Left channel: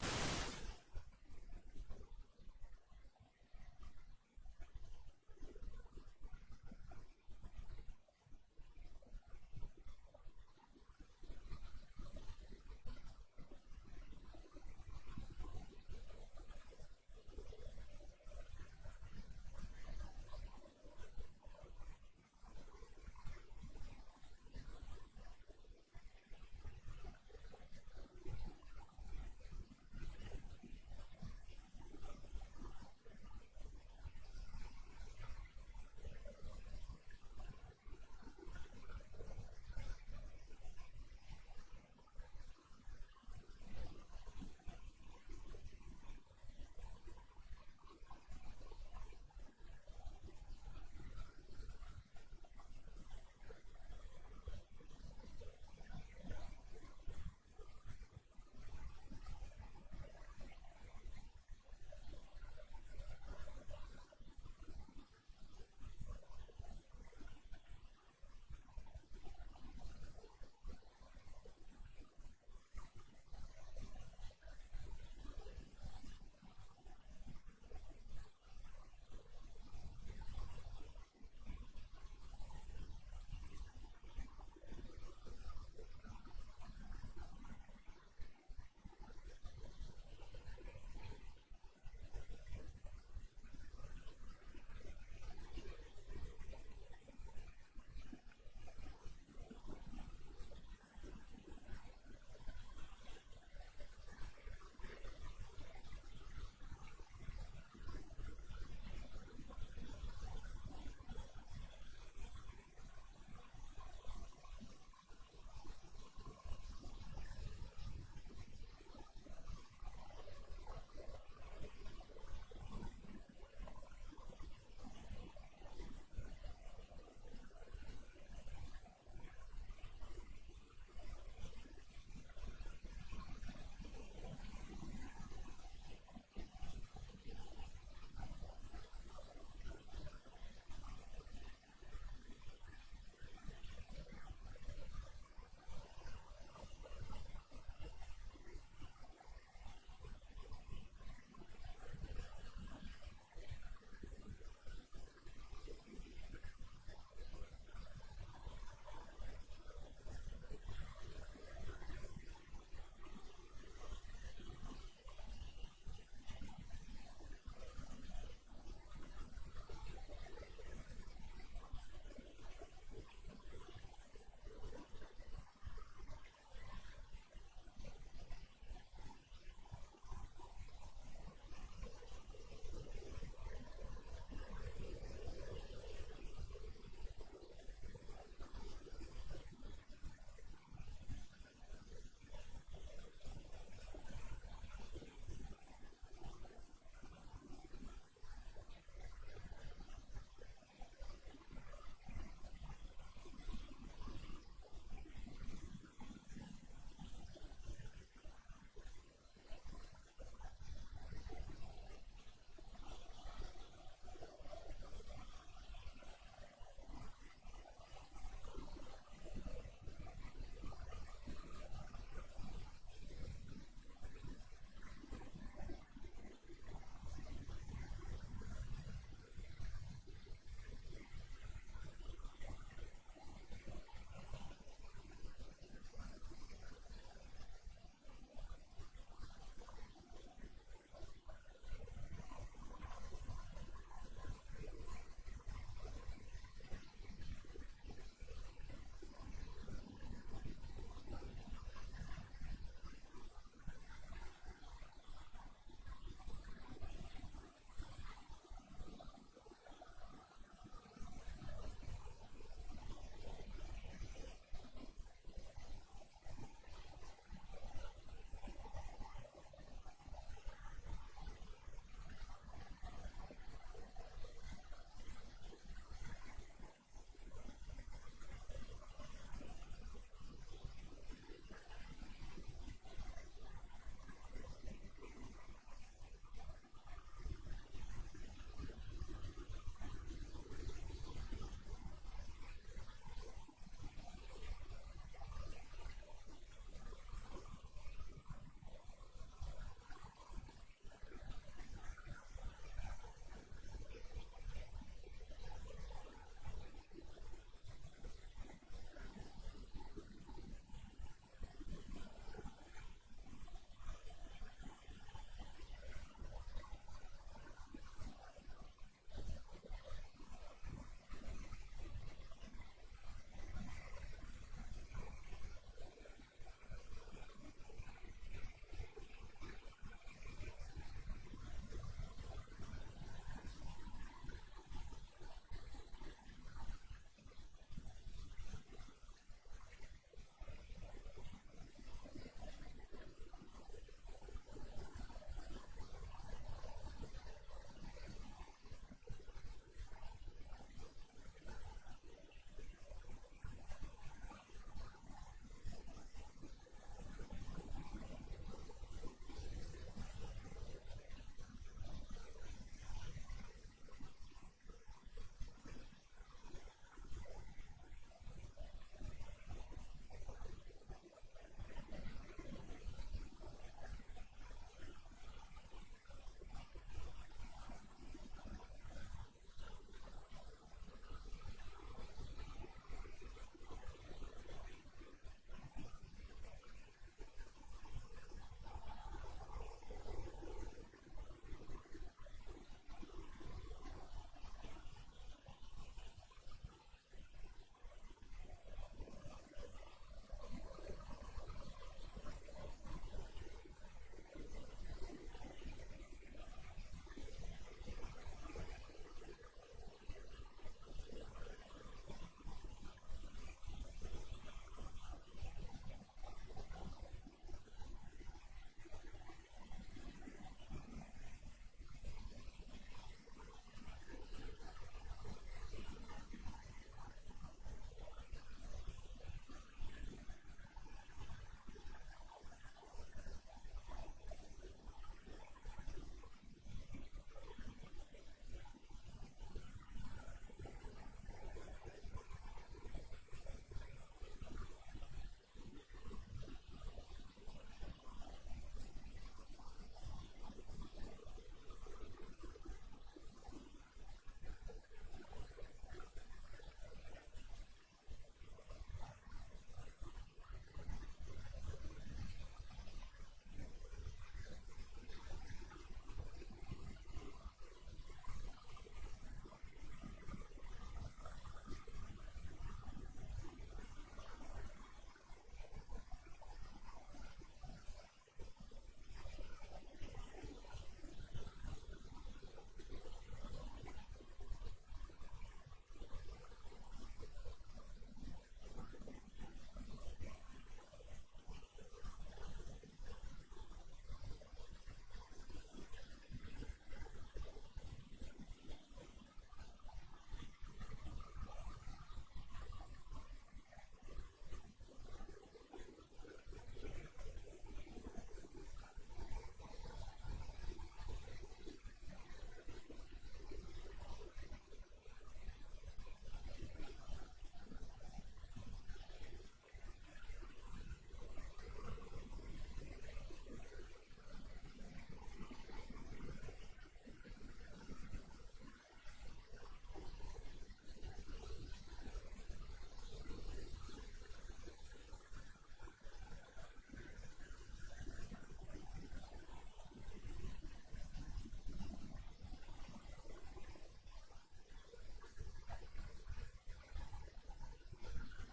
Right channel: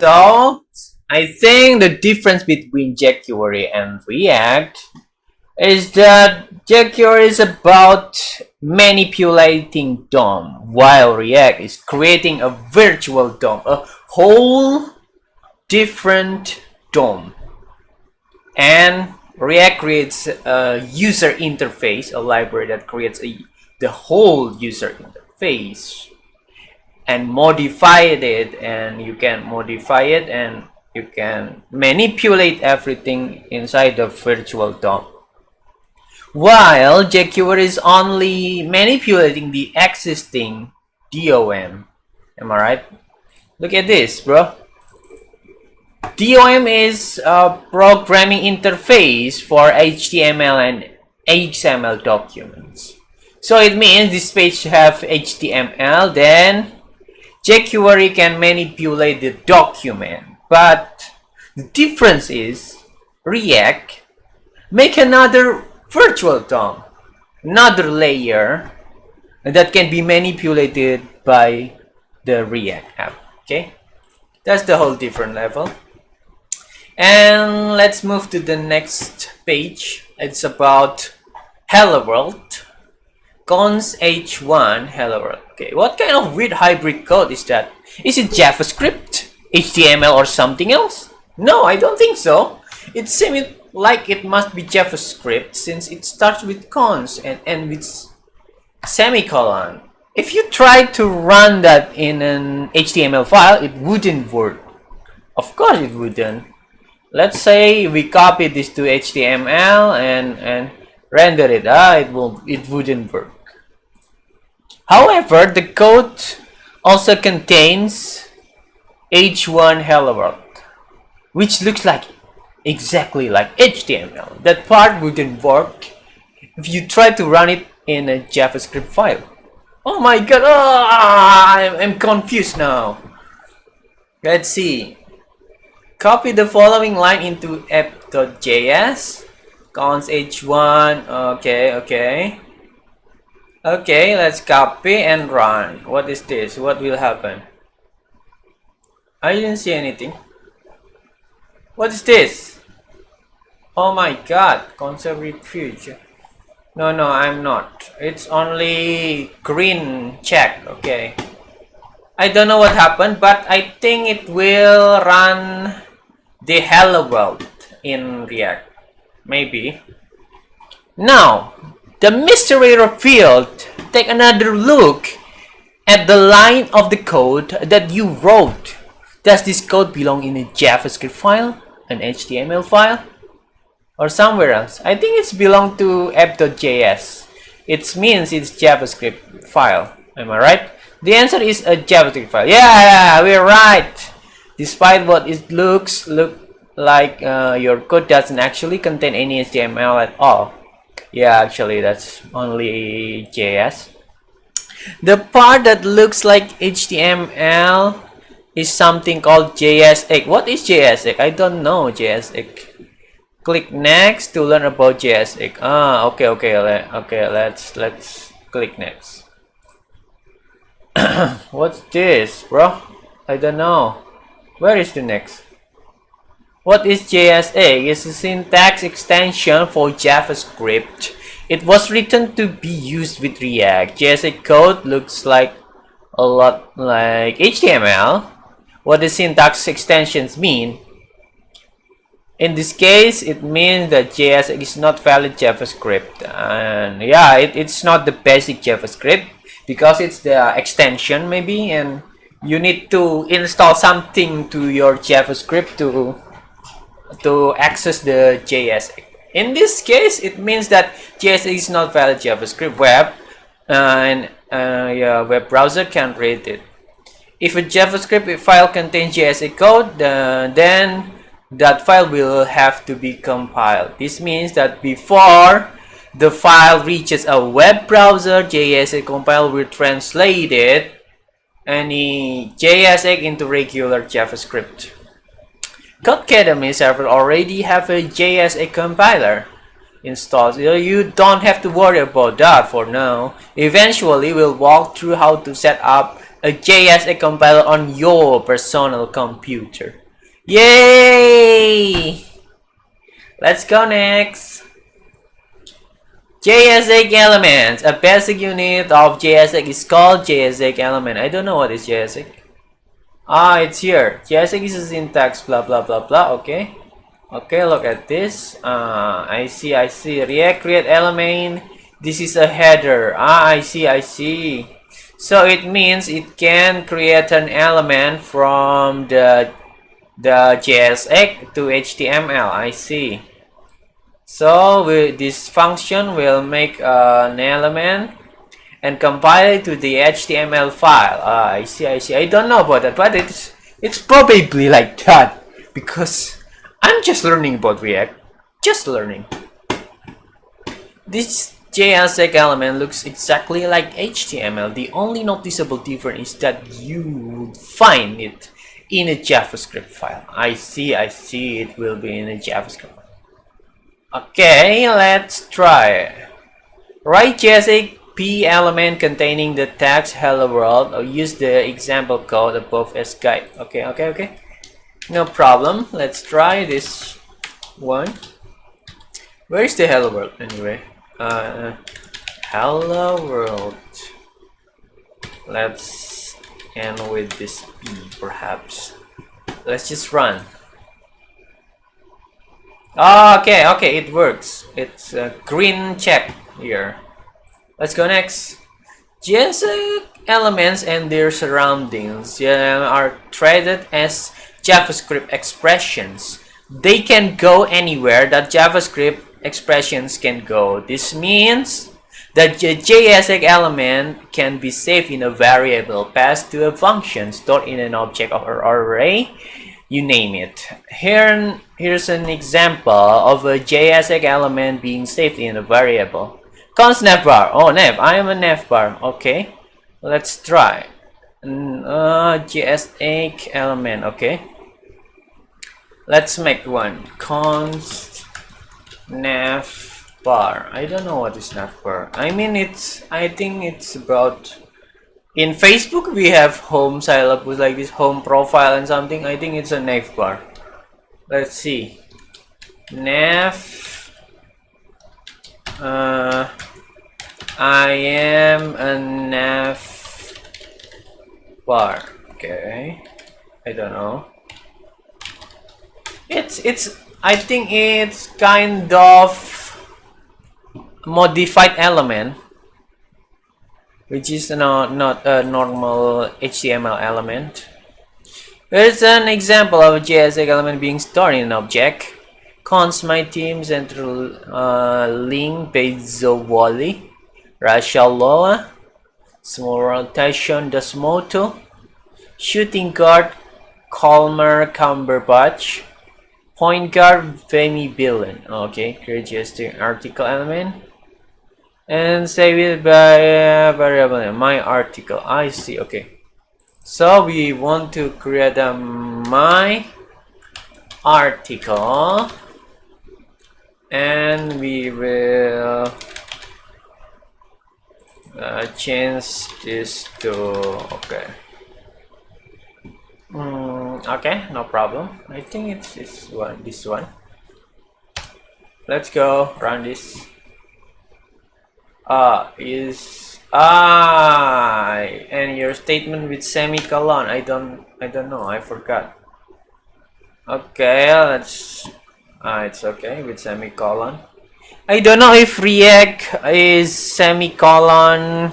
So, I think the difference between jQuery and React is that jQuery is about manipulating DOM, while React is creating a virtual DOM, a whole different DOM. And React creates a user interface, a library that creates the whole user interface and modify it, and you can modify it and you can manipulate everything inside the virtual DOM, while jQuery is only manipulating the existing DOM. Am I right? Look at this, bro. DOM is a programming interface for HTML and XML documents. So it means this page have HTML, then jQuery can manipulate the document. But the difference is React make another virtual DOM, another layer that can be manipulated by the React app. Okay, that's the whole different level. And let's move to the next page. It's about Hello World. Cons H1 Hello World. Okay, what kind of weird hybrid code is that? Is it JavaScript, HTML, or something else? No, I don't think so. It seems like it must be JavaScript since it starts with cons and ends with semicolon. If you try to run that in an HTML file, it wouldn't work. Of course it wouldn't. Let's say we copy this to HTML and render it. It wouldn't work. However, the code also contains H1 Hello World, which looks like exactly like HTML. That part wouldn't work if you try to run it in a JavaScript file. Oh my god, I'm confused now. Let's see. Copy the following line into app.js. Cons h1. Okay. Okay, let's copy and run. What is this? What will happen? I didn't see anything. What is this? Oh my god, concept refuge. No, I'm not. It's only green check. Okay. I don't know what happened, but I think it will run the Hello World in React. Maybe. Now, the mystery revealed. Take another look at the line of the code that you wrote. Does this code belong in a JavaScript file, an HTML file, or somewhere else? I think it's belong to app.js. It means it's JavaScript file. Am I right? The answer is a JavaScript file. Yeah, we're right. Despite what it look like, your code doesn't actually contain any HTML at all. Yeah, actually that's only JS. The part that looks like HTML is something called JSX. What is JSX? I don't know JSX. Click next to learn about JSX. Okay. Let's click next. What's this, bro? I don't know. Where is the next? What is JSX? It's a syntax extension for JavaScript. It was written to be used with React. JSX code looks like a lot like HTML. What the syntax extensions mean? In this case, it means that JSX is not valid JavaScript. And yeah, it's not the basic JavaScript because it's the extension maybe, and you need to install something to your JavaScript to access the JSX. In this case, it means that JSX is not valid JavaScript. Web browser can't read it. If a JavaScript file contains JSX code, then that file will have to be compiled. This means that before the file reaches a web browser, JSX compiler will translate it any JSX into regular JavaScript. Codecademy server already have a JSX compiler installed. You don't have to worry about that for now. Eventually, we'll walk through how to set up a JSX compiler on your personal computer. Yay! Let's go next. JSX elements. A basic unit of JSX is called JSX element. I don't know what is JSX. Ah, it's here. JSX is a syntax, blah blah blah blah. Okay. Okay, look at this. I see. React create element. This is a header. Ah, I see. So it means it can create an element from the JSX to HTML. I see. So this function will make an element and compile it to the HTML file. I see. I don't know about that, but it's probably like that because I'm just learning about React. Just learning. This JSX element looks exactly like HTML. The only noticeable difference is that you would find it in a JavaScript file. I see. It will be in a JavaScript file. Okay, let's try. Write JSX P element containing the text hello world, or use the example code above as guide. Okay. No problem. Let's try this one. Where is the hello world anyway? Hello world. Let's end with this P perhaps. Let's just run. Okay, it works. It's a green check here. Let's go next. JSX elements and their surroundings are treated as JavaScript expressions. They can go anywhere that JavaScript expressions can go. This means that the JSX element can be saved in a variable, passed to a function, stored in an object or array, you name it. Here's an example of a JSX element being saved in a variable. Const navbar. Oh, nav. I am a navbar. Okay. Let's try. JSX element. Okay. Let's make one. Const navbar. I don't know what is navbar. I mean, I think it's about. In Facebook, we have home syllabus like this, home profile and something. I think it's a navbar. Let's see. Nav. I am a navbar. Okay. I don't know. I think it's kind of modified element, which is not a normal HTML element. Here's an example of a JSX element being stored in an object. Const my team central link Bezowoli, Rashaloa, small rotation Dasmoto, shooting guard Colmer Cumberbatch, point guard Femi Billen. Okay, create JSX article element and save it by variable my article. I see. Okay, so we want to create a my article and we will change this to okay. Okay, no problem. I think it's this one. Let's go run this. And your statement with semicolon. I don't know. I forgot. Okay, let's. It's okay with semicolon. I don't know if React is semicolon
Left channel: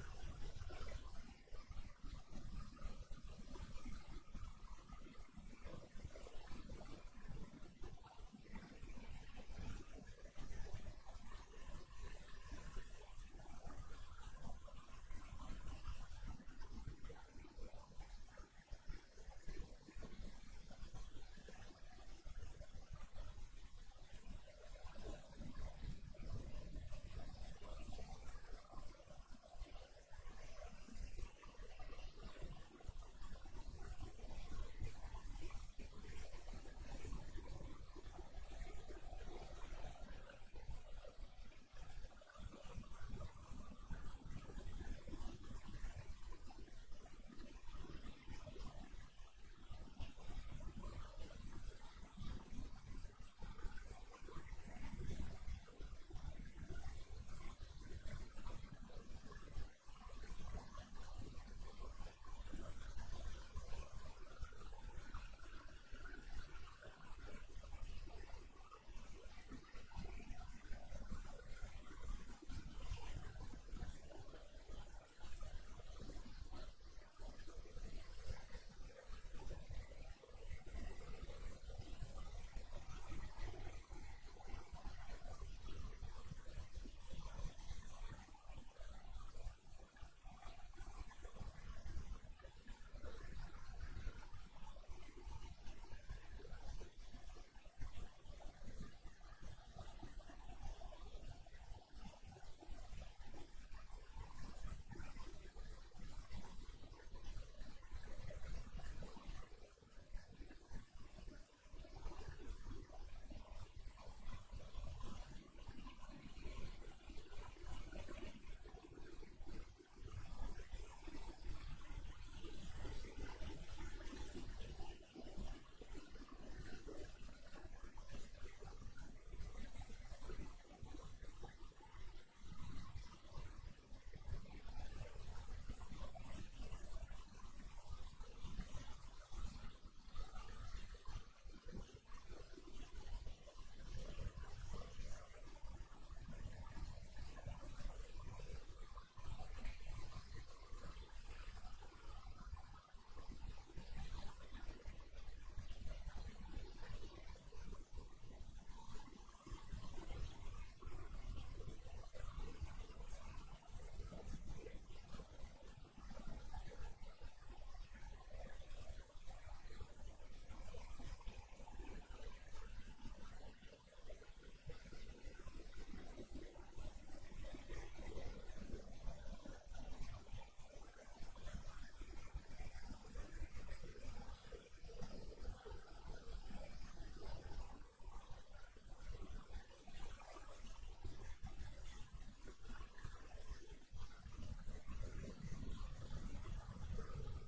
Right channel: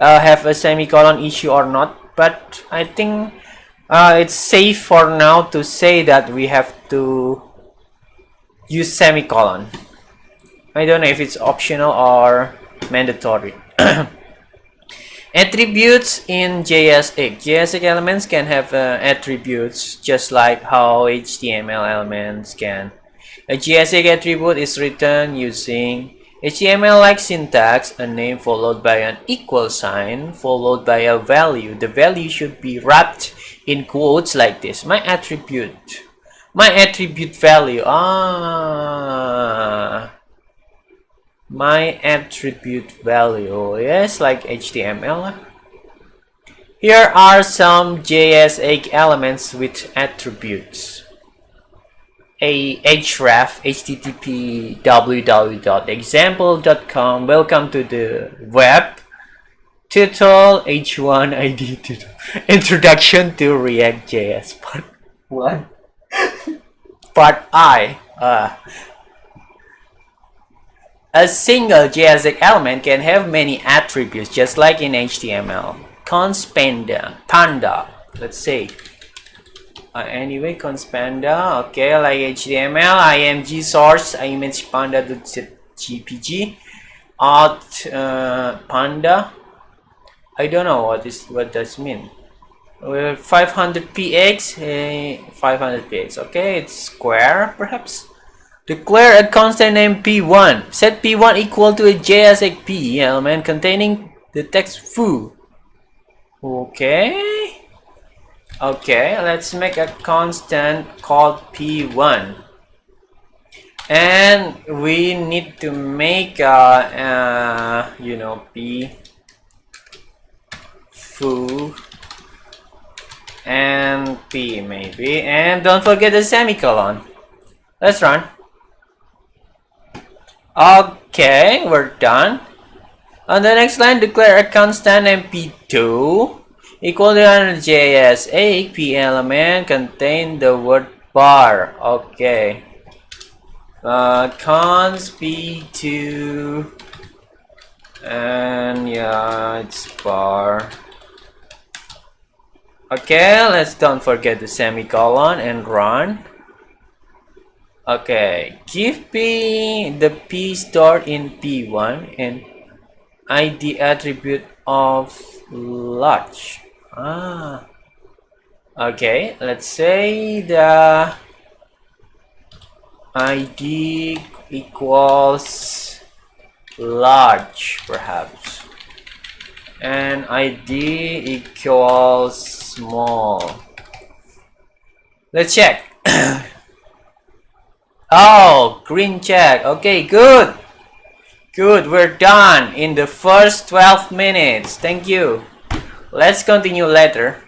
have a semicolon issue or not, but I think it's safe for now to say that we have to use semicolon. I don't know if it's optional or mandatory. Attributes in JSX. JSX elements can have attributes just like how HTML elements can. A JSX attribute is written using HTML-like syntax, a name followed by an equal sign followed by a value. The value should be wrapped in quotes like this. My attribute value. My attribute value. Yes, like HTML. Here are some JS8 elements with attributes. A href http www.example.com. Welcome to the web. Title h1 id tutorial. Introduction to React.js part 1. Part I. A single JS element can have many attributes, just like in HTML. Const panda. Let's say. Anyway, const panda. Okay, like HTML. img source image panda.jpg. Auth panda. I don't know what does mean. 500px, 500px. Okay, it's square perhaps. Declare a constant name p1. Set p1 equal to a JSX p element containing the text foo. Okay. Okay, let's make a constant called p1. And we need to make p foo and p maybe, and don't forget the semicolon. Let's run. Okay, we're done. On the next line, declare a constant mp2 equal to a JS8 p element contain the word bar. Okay. Const p2 and yeah, it's bar. Okay, let's don't forget the semicolon and run. Okay, give p the p stored in p1 and id attribute of large. Okay, let's say the id equals large perhaps, and id equals small. Let's check. Oh, green check. Okay, good. Good, we're done in the first 12 minutes. Thank you. Let's continue later.